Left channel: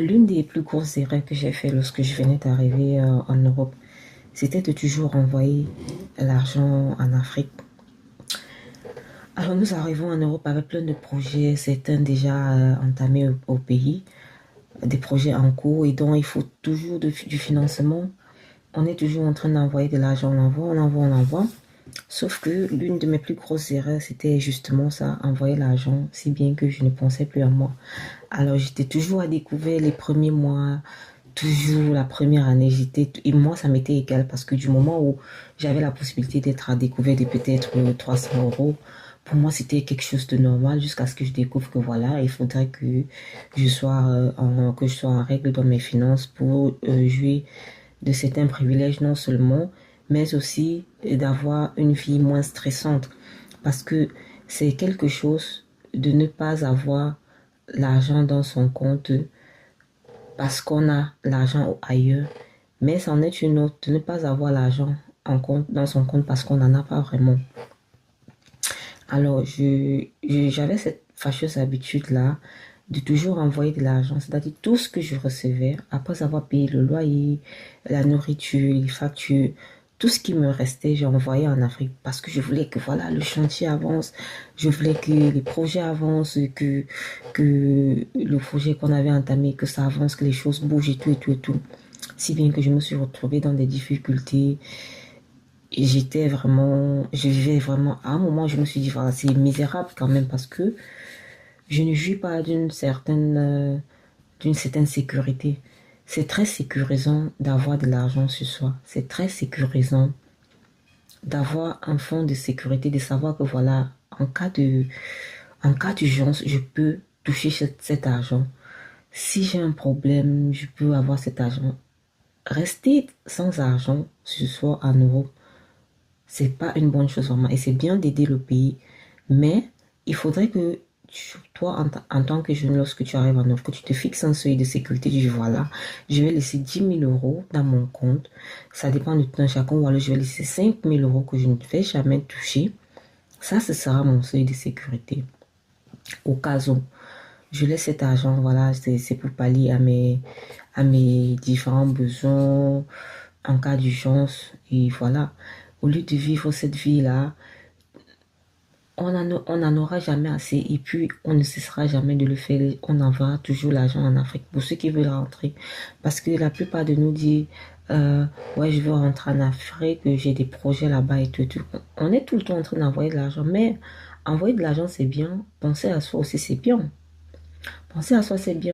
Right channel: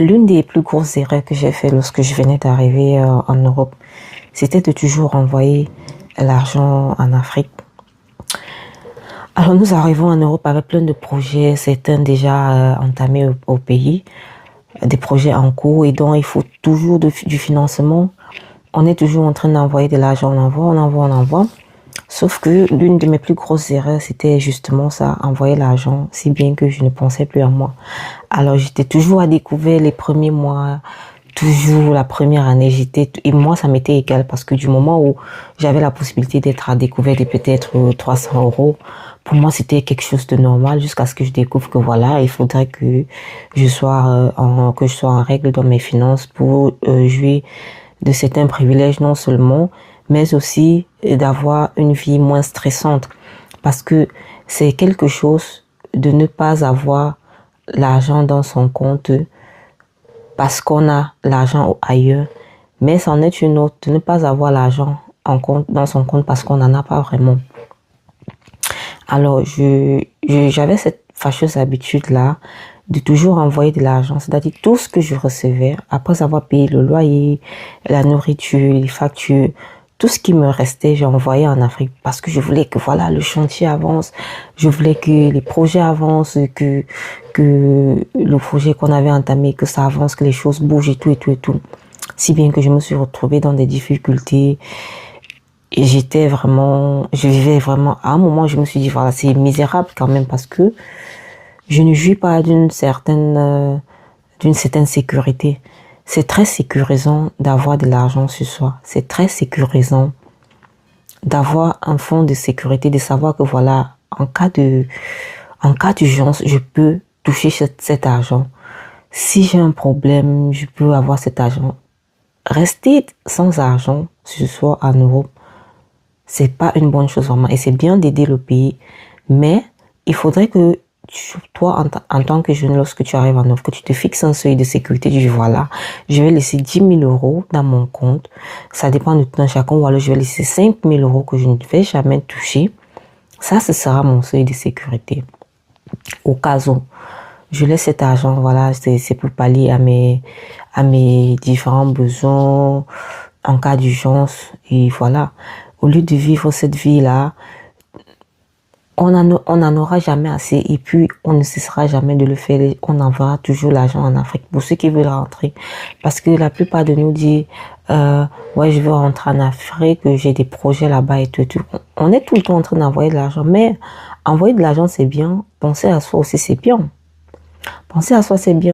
L'une des plus grosses erreurs que j'ai fait lorsque je venais d'arriver en Europe, c'était de toujours envoyer l'argent en Afrique. Alors nous arrivons en Europe avec plein de projets, certains déjà entamés au pays, des projets en cours et dont il faut toujours du financement. On est toujours en train d'envoyer de l'argent, on envoie. Sauf que l'une de mes plus grosses erreurs, c'était justement ça, envoyer l'argent, si bien que je ne pensais plus à moi. Alors j'étais toujours à découvert les premiers mois, toujours la première année, et moi ça m'était égal parce que du moment où j'avais la possibilité d'être à découvert de peut-être 300 euros, pour moi c'était quelque chose de normal jusqu'à ce que je découvre que voilà, il faudrait que que je sois en règle dans mes finances pour jouir de certains privilèges non seulement, mais aussi d'avoir une vie moins stressante parce que c'est quelque chose de ne pas avoir l'argent dans son compte parce qu'on a l'argent ailleurs, mais c'en est une autre de ne pas avoir l'argent dans son compte parce qu'on n'en a pas vraiment. Alors, j'avais cette fâcheuse habitude-là de toujours envoyer de l'argent, c'est-à-dire tout ce que je recevais, après avoir payé le loyer, la nourriture, les factures, tout ce qui me restait, j'envoyais en Afrique parce que je voulais que voilà le chantier avance, je voulais que les projets avancent, que le projet qu'on avait entamé, que ça avance, que les choses bougent et tout et tout et tout. Si bien que je me suis retrouvée dans des difficultés et je vivais vraiment, à un moment, je me suis dit, voilà, c'est misérable quand même parce que je ne jouis pas d'une certaine sécurité. C'est très sécurisant d'avoir de l'argent sur soi. C'est très sécurisant d'avoir un fonds de sécurité, de savoir que voilà, en cas d'urgence, je peux toucher cet argent. Si j'ai un problème, je peux avoir cet argent. Rester sans argent sur soi en Europe, c'est pas une bonne chose vraiment. Et c'est bien d'aider le pays, mais il faudrait que toi, en tant que jeune, lorsque tu arrives en Europe, que tu te fixes un seuil de sécurité. Tu dis voilà, je vais laisser 10 000 € dans mon compte. Ça dépend de tout un chacun. Ou alors je vais laisser 5 000 € que je ne vais jamais toucher. Ça, ce sera mon seuil de sécurité. Au cas où je laisse cet argent, voilà, c'est pour pallier à mes différents besoins en cas d'urgence. Et voilà, au lieu de vivre cette vie-là, on n'en aura jamais assez et puis on ne cessera jamais de le faire. On enverra toujours l'argent en Afrique pour ceux qui veulent rentrer. Parce que la plupart de nous disent, ouais, je veux rentrer en Afrique, j'ai des projets là-bas et tout, et tout. On est tout le temps en train d'envoyer de l'argent, mais envoyer de l'argent c'est bien, penser à soi aussi c'est bien. Penser à soi c'est bien.